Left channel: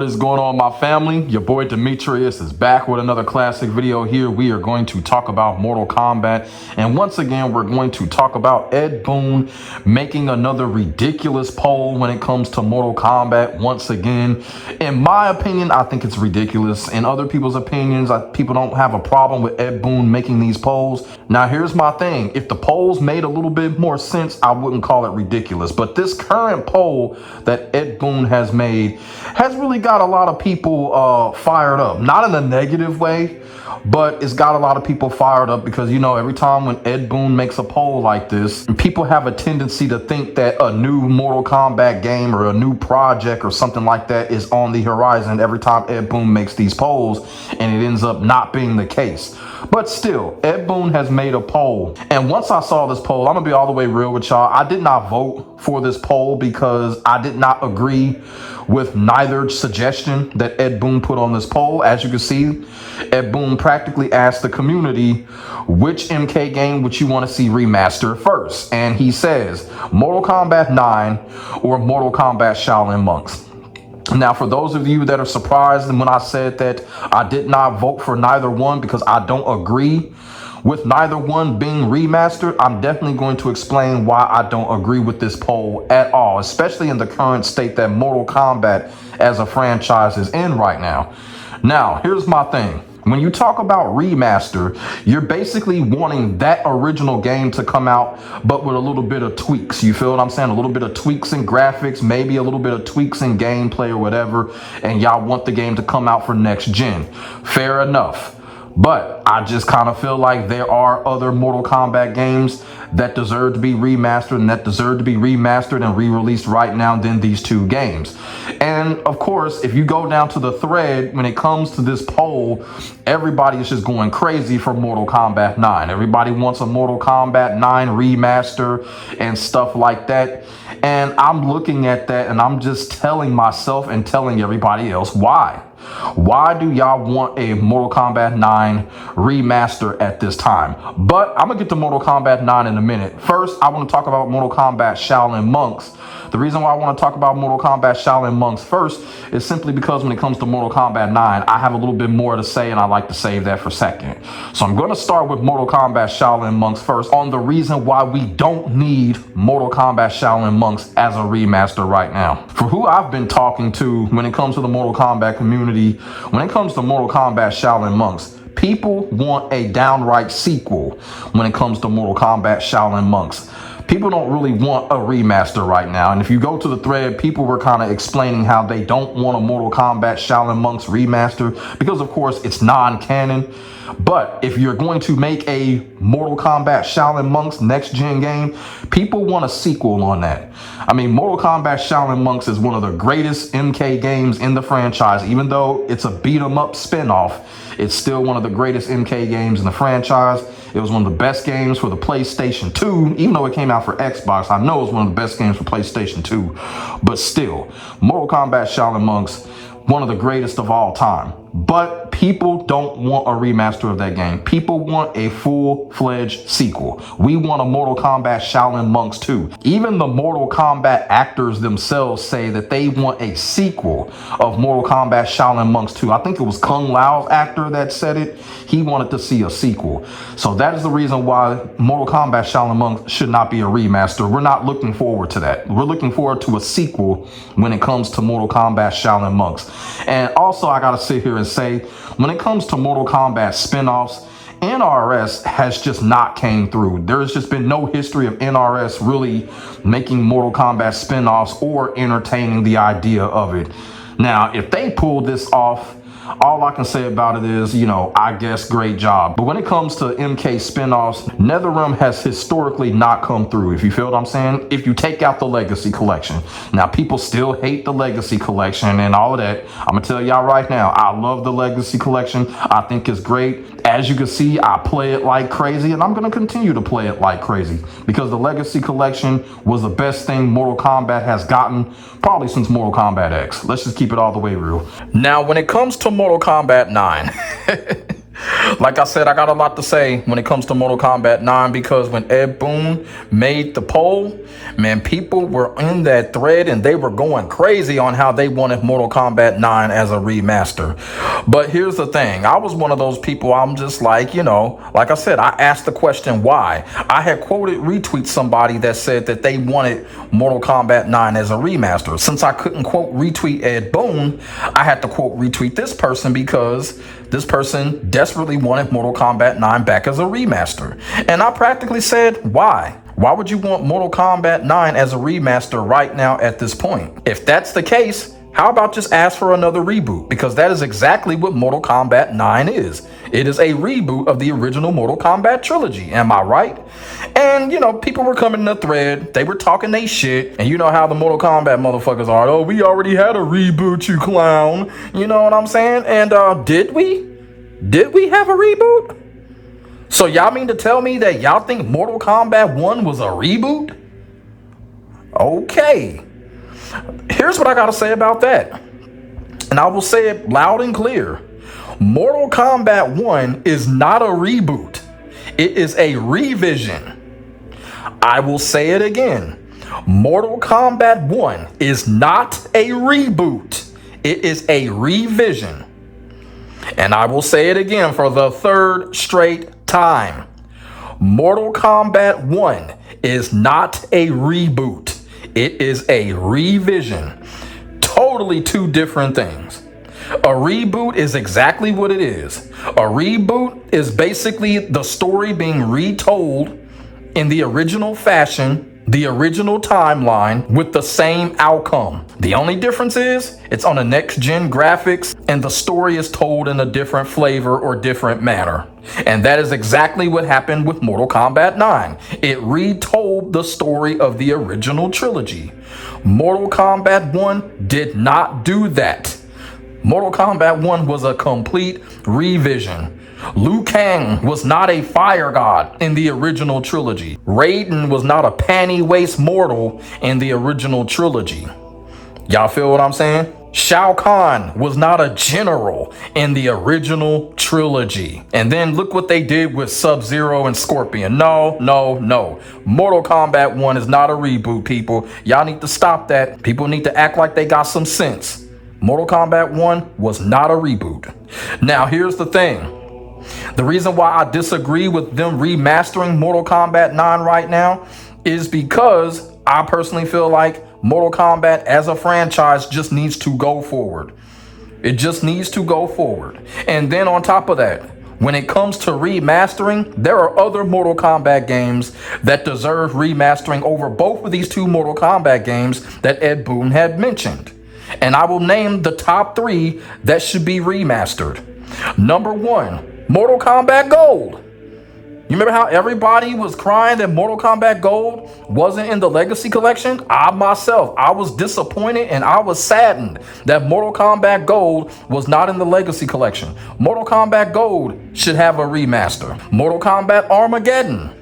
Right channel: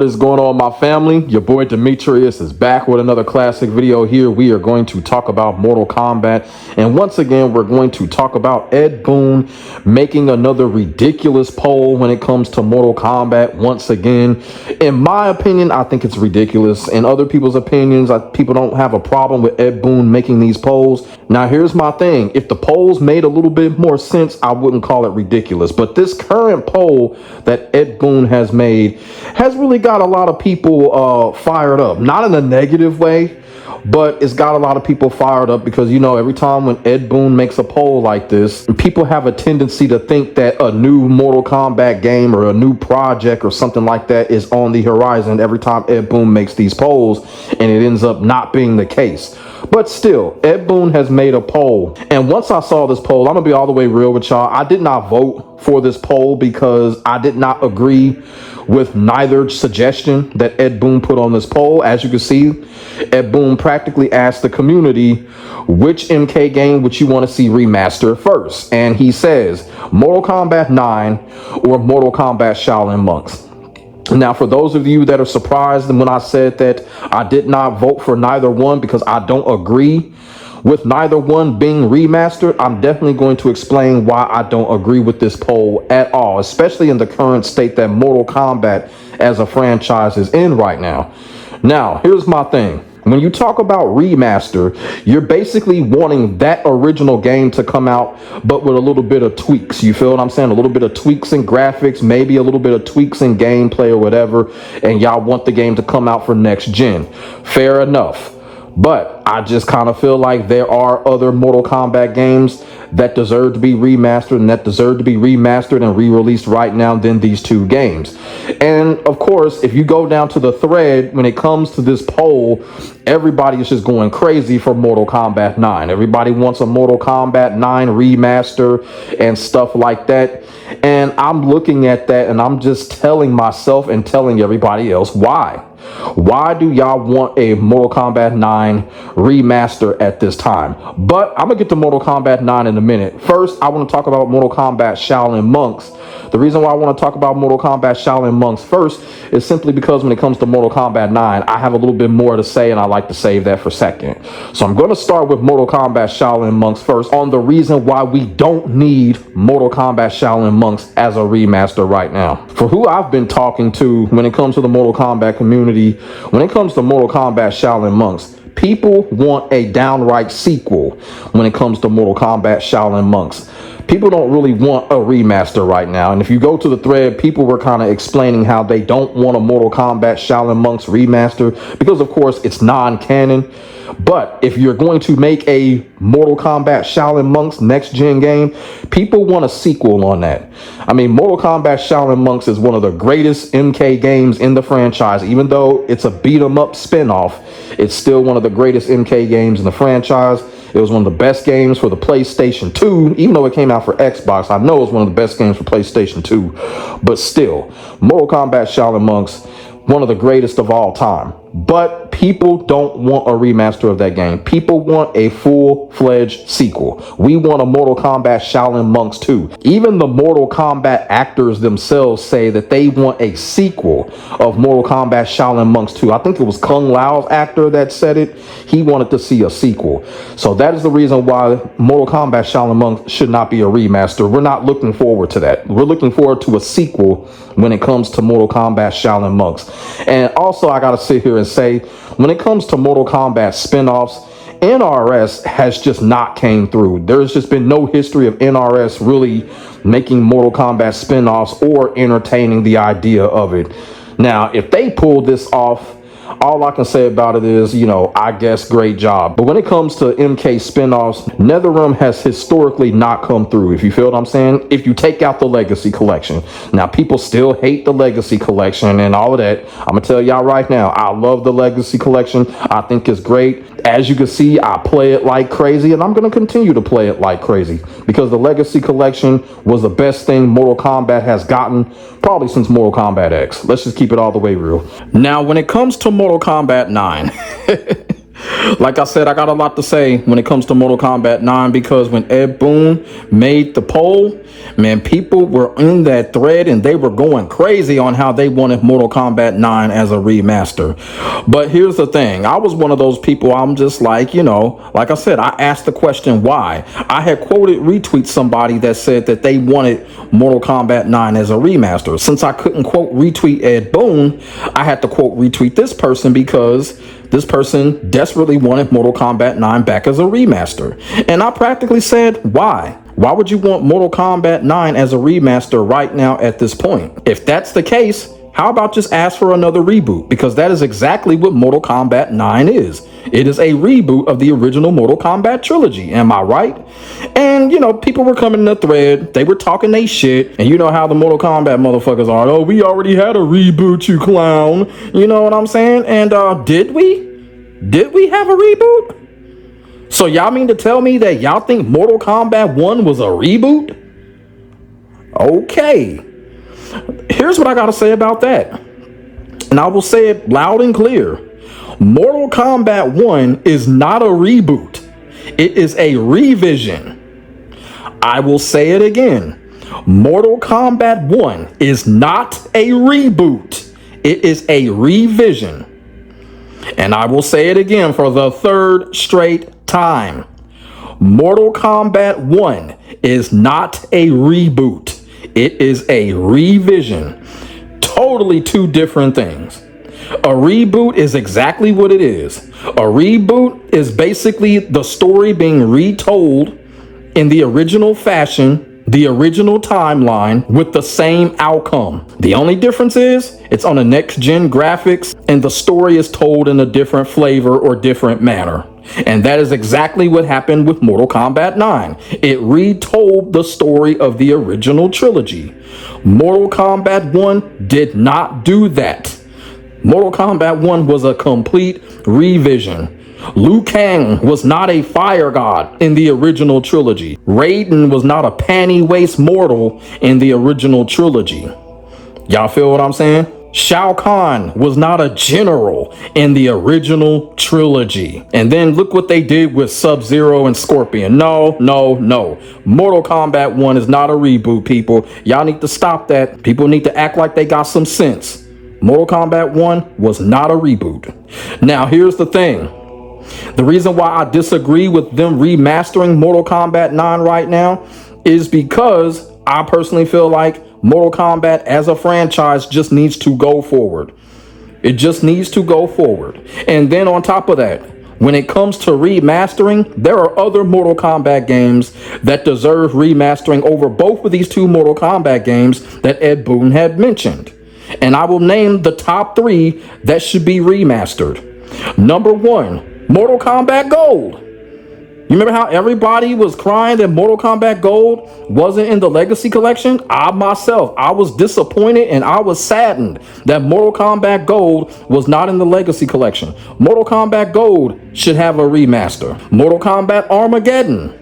What is going on, my family? Your boy Demetrius is back with another classic video here. We are going to talk about Mortal Kombat. And once again, we're going to talk about Ed Boon making another ridiculous poll when it comes to Mortal Kombat. Once again, in my opinion, I think it's ridiculous. In other people's opinions, people don't have a problem with Ed Boon making these polls. Now, here's my thing. If the polls made a little bit more sense, I wouldn't call it ridiculous. But this current poll that Ed Boon has made has really got a lot of people fired up. Not in a negative way, but it's got a lot of people fired up because, you know, every time when Ed Boon makes a poll like this, people have a tendency to think that a new Mortal Kombat game or a new project or something like that is on the horizon every time Ed Boon makes these polls, and it ends up not being the case. But still, Ed Boon has made a poll. And once I saw this poll, I'm going to be all the way real with y'all. I did not vote for this poll because I did not agree with neither suggestion that Ed Boon put on this poll. As you can see, Ed Boon practically asked the community, which MK game would you want to see remastered first? And he says, Mortal Kombat 9 or Mortal Kombat Shaolin Monks. Now, for those of you that are surprised when I said that I did not vote for neither one because I don't agree with neither one being remastered, I'm definitely going to explain why I don't agree with this poll at all, especially in the current state that Mortal Kombat as a franchise is in right now. Now, here's my thing. When you talk about remaster, you're basically wanting that original game to come out, but with a little bit of tweaks. You feel what I'm saying? A little bit of tweaks in graphics, maybe a little bit of tweaks in gameplay or whatever, and y'all want the game to come out for next gen. Fair enough. But I just kind of feel like there are other Mortal Kombat games that deserve to be remastered and that deserve to be remastered and re-released right now than these two games. And of course, if you go down to the thread, when it comes to this poll, everybody is just going crazy for Mortal Kombat 9. Everybody wants a Mortal Kombat 9 remaster and stuff like that. And I'm looking at that and I'm just telling myself and telling everybody else why. Why do y'all want a Mortal Kombat 9 remaster at this time? But I'm going to get to Mortal Kombat 9 in a minute. First, I want to talk about Mortal Kombat Shaolin Monks. The reason why I want to talk about Mortal Kombat Shaolin Monks first is simply because when it comes to Mortal Kombat 9, I have a little bit more to say, and I like to save that for second. So I'm going to start with Mortal Kombat Shaolin Monks first on the reason why we don't need Mortal Kombat Shaolin Monks as a remaster right now. For who I've been talking to when it comes to the Mortal Kombat community, when it comes to Mortal Kombat Shaolin Monks, people want a downright sequel when it comes to Mortal Kombat Shaolin Monks. People don't really want a remaster right now. And if you go to the thread, people were kind of explaining how they don't want a Mortal Kombat Shaolin Monks remaster because, of course, it's non-canon. But if you're going to make a Mortal Kombat Shaolin Monks next-gen game, people want a sequel on that. I mean, Mortal Kombat Shaolin Monks is one of the greatest MK games in the franchise. Even though it's a beat-em-up spin-off, it's still one of the greatest MK games in the franchise. It was one of the best games for the PlayStation 2, even though it came out for Xbox. I know it's one of the best games for PlayStation 2, but still, Mortal Kombat Shaolin Monks, one of the greatest of all time. But people don't want a remaster of that game. People want a full-fledged sequel. We want a Mortal Kombat Shaolin Monks 2. Even the Mortal Kombat actors themselves say that they want a sequel of Mortal Kombat Shaolin Monks 2. I think it was Kung Lao's actor that said it. He wanted to see a sequel. So that is the reason why Mortal Kombat Shaolin Monks should not be a remaster. We're not looking forward to that. We're looking forward to a sequel when it comes to Mortal Kombat Shaolin Monks. And also, I gotta sit here and say, when it comes to Mortal Kombat spin-offs, NRS has just not came through. There's just been no history of NRS really making Mortal Kombat spin-offs or entertaining the idea of it. Now, if they pull this off, all I can say about it is, you know, I guess great job. But when it comes to MK spinoffs, NetherRealm has historically not come through, if you feel what I'm saying, if you take out the Legacy Collection. Now, people still hate the Legacy Collection and all of that. I'm going to tell y'all right now, I love the Legacy Collection. I think it's great. As you can see, I play it like crazy, and I'm going to continue to play it like crazy because the Legacy Collection was the best thing Mortal Kombat has gotten probably since Mortal Kombat X. Let's just keep it all the way real. Now, when it comes to Mortal Kombat 9, Like I said, I got a lot to say when it comes to Mortal Kombat 9 because when Ed Boon made the poll, man, people were in that thread and they were going crazy on how they wanted Mortal Kombat 9 as a remaster. But here's the thing. I was one of those people, I'm just like, like I said, I asked the question why. I had retweet somebody that said that they wanted Mortal Kombat 9 as a remaster. Since I couldn't quote retweet Ed Boon, I had to quote retweet this person because this person desperately wanted Mortal Kombat 9 back as a remaster. And I practically said, why? Why would you want Mortal Kombat 9 as a remaster right now at this point? If that's the case, how about just ask for another reboot? Because that is exactly what Mortal Kombat 9 is. It is a reboot of the original Mortal Kombat trilogy. Am I right? And, people were coming in the thread. They were talking they shit. And you know how the Mortal Kombat motherfuckers are. Oh, we already had a reboot, you clown. You know what I'm saying? And did we? Did we have a reboot? So y'all mean to tell me that y'all think Mortal Kombat 1 was a reboot? Okay. Here's what I got to say about that. And I will say it loud and clear. Mortal Kombat 1 is not a reboot. It is a revision. I will say it again. Mortal Kombat 1 is not a reboot. It is a revision. And I will say it again for the third straight time. Mortal Kombat 1 is not a reboot. It is a revision. Totally two different things. A reboot is exactly what it is. A reboot is basically the story being retold in the original fashion, the original timeline, with the same outcome. The only difference is it's on the next gen graphics and the story is told in a different flavor or different manner. And that is exactly what happened with Mortal Kombat 9. It retold the story of the original trilogy. Mortal Kombat 1 did not do that. Mortal Kombat 1 was a complete revision. Liu Kang was not a fire god in the original trilogy. Raiden was not a panty waist mortal in the original trilogy. Y'all feel what I'm saying? Shao Kahn was not a general in the original trilogy. And then look what they did with Sub-Zero and Scorpion. No. Mortal Kombat 1 is not a reboot, people. Y'all need to stop that. People need to act like they got some sense. Mortal Kombat 1 was not a reboot. Now, here's the thing. The reason why I disagree with them remastering Mortal Kombat 9 right now is because I personally feel like Mortal Kombat as a franchise just needs to go forward. It just needs to go forward. And then on top of that, when it comes to remastering, there are other Mortal Kombat games that deserve remastering over both of these two Mortal Kombat games that Ed Boon had mentioned. And I will name the top 3 that should be remastered. Number 1, Mortal Kombat Gold. You remember how everybody was crying that Mortal Kombat Gold wasn't in the Legacy Collection? I was disappointed and I was saddened that Mortal Kombat Gold was not in the Legacy Collection. Mortal Kombat Gold should have a remaster. Mortal Kombat Armageddon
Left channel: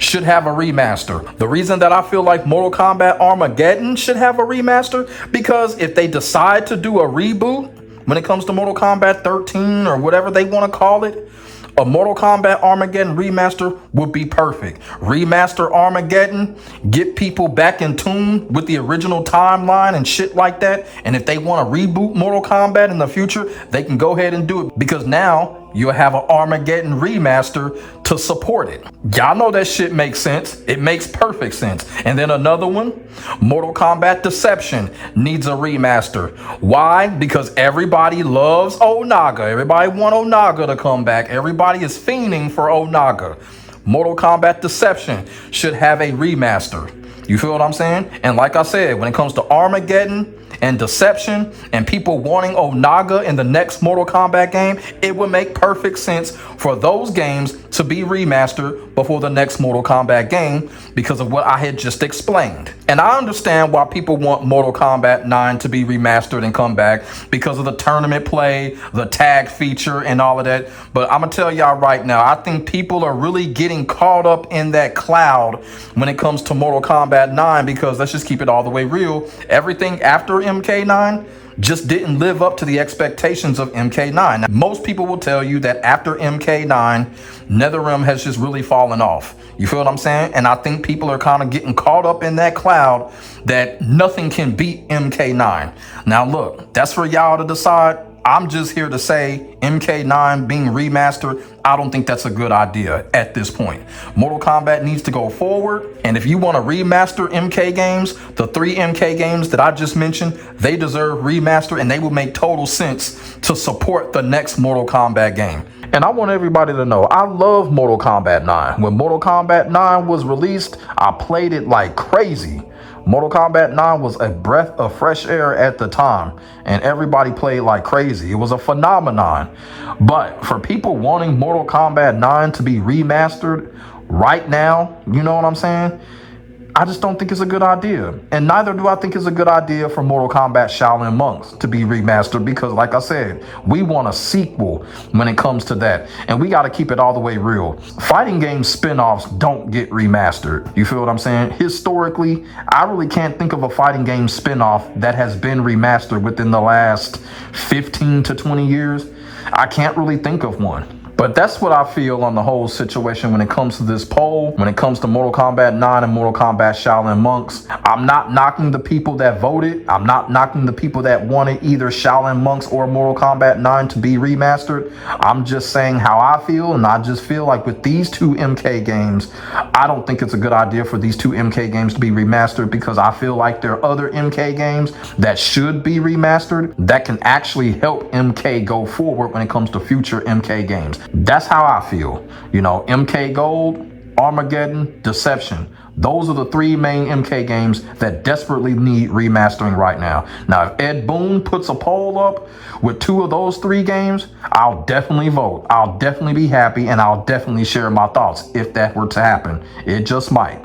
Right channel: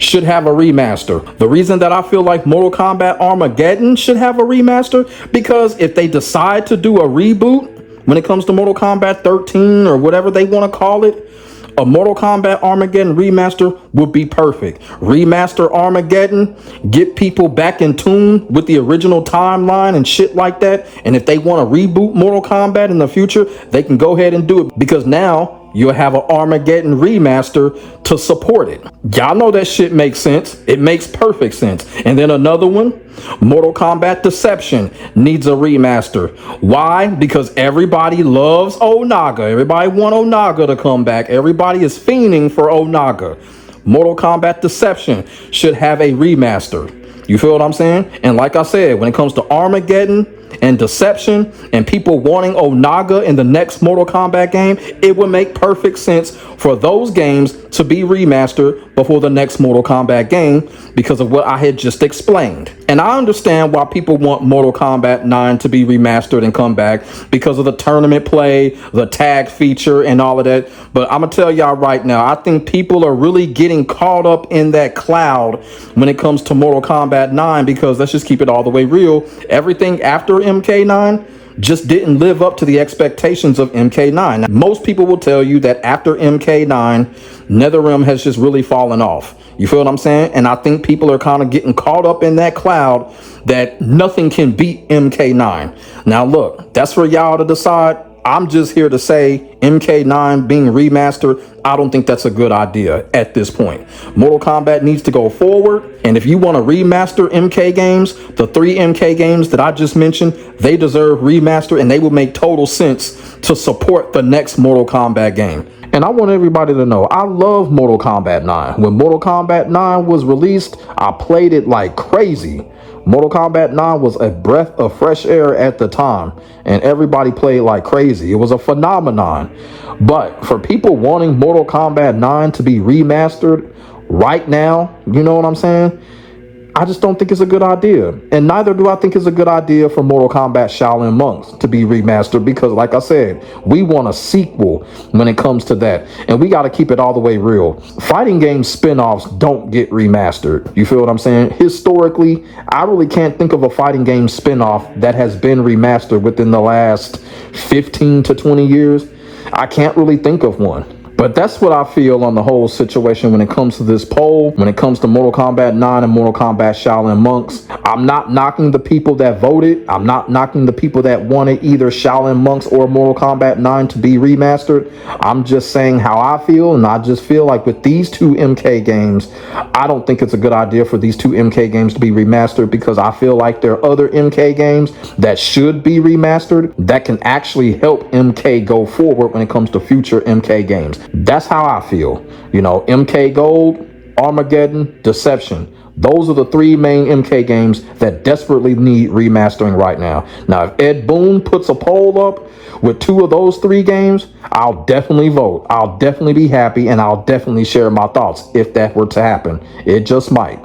should have a remaster. The reason that I feel like Mortal Kombat Armageddon should have a remaster, because if they decide to do a reboot when it comes to Mortal Kombat 13 or whatever they want to call it, a Mortal Kombat Armageddon remaster would be perfect. Remaster Armageddon, get people back in tune with the original timeline and shit like that. And if they want to reboot Mortal Kombat in the future, they can go ahead and do it, because now you'll have an Armageddon remaster to support it. Y'all know that shit makes sense. It makes perfect sense. And then another one, Mortal Kombat Deception needs a remaster. Why? Because everybody loves Onaga. Everybody wants Onaga to come back. Everybody is fiending for Onaga. Mortal Kombat Deception should have a remaster. You feel what I'm saying? And like I said, when it comes to Armageddon and Deception and people wanting Onaga in the next Mortal Kombat game, it would make perfect sense for those games to be remastered before the next Mortal Kombat game because of what I had just explained. And I understand why people want Mortal Kombat 9 to be remastered and come back because of the tournament play, the tag feature, and all of that. But I'm going to tell y'all right now, I think people are really getting caught up in that cloud when it comes to Mortal Kombat 9, because let's just keep it all the way real. Everything after MK9 just didn't live up to the expectations of MK9. Now, most people will tell you that after MK9, NetherRealm has just really fallen off. You feel what I'm saying? And I think people are kind of getting caught up in that cloud that nothing can beat MK9. Now, look, that's for y'all to decide. I'm just here to say MK9 being remastered, I don't think that's a good idea at this point. Mortal Kombat needs to go forward. And if you want to remaster MK games, the 3 MK games that I just mentioned, they deserve remaster and they will make total sense to support the next Mortal Kombat game. And I want everybody to know, I love Mortal Kombat 9. When Mortal Kombat 9 was released, I played it like crazy. Mortal Kombat 9 was a breath of fresh air at the time, and everybody played like crazy. It was a phenomenon. But for people wanting Mortal Kombat 9 to be remastered right now, you know what I'm saying? I just don't think it's a good idea. And neither do I think it's a good idea for Mortal Kombat Shaolin Monks to be remastered because, like I said, we want a sequel when it comes to that. And we got to keep it all the way real. Fighting game spin-offs don't get remastered. You feel what I'm saying? Historically, I really can't think of a fighting game spin-off that has been remastered within the last 15 to 20 years. I can't really think of one. But that's what I feel on the whole situation when it comes to this poll, when it comes to Mortal Kombat 9 and Mortal Kombat Shaolin Monks. I'm not knocking the people that voted. I'm not knocking the people that wanted either Shaolin Monks or Mortal Kombat 9 to be remastered. I'm just saying how I feel, and I just feel like with these 2 MK games, I don't think it's a good idea for these 2 MK games to be remastered because I feel like there are other MK games that should be remastered that can actually help MK go forward when it comes to future MK games. That's how I feel. You know, MK Gold, Armageddon, Deception. Those are the 3 main MK games that desperately need remastering right now. Now, if Ed Boon puts a poll up with 2 of those 3 games, I'll definitely vote. I'll definitely be happy, and I'll definitely share my thoughts if that were to happen. It just might.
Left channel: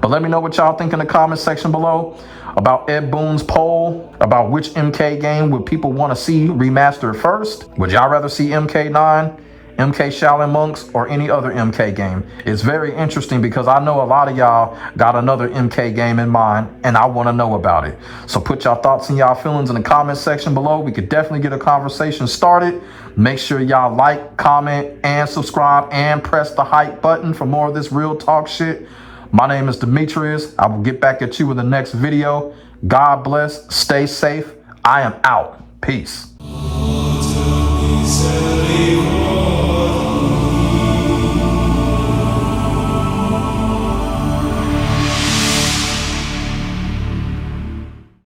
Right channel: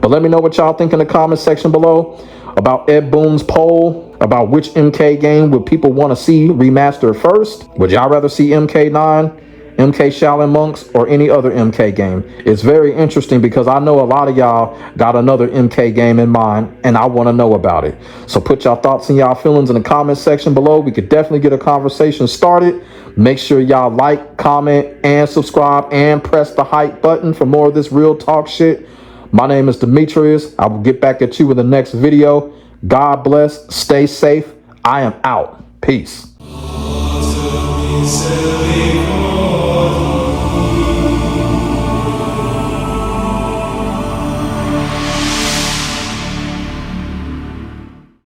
But let me know what y'all think in the comment section below about Ed Boon's poll, about which MK game would people want to see remastered first. Would y'all rather see MK9, MK Shaolin Monks, or any other MK game? It's very interesting because I know a lot of y'all got another MK game in mind, and I want to know about it. So put y'all thoughts and y'all feelings in the comment section below. We could definitely get a conversation started. Make sure y'all like, comment, and subscribe, and press the hype button for more of this real talk shit. My name is Demetrius. I will get back at you with the next video. God bless. Stay safe. I am out. Peace.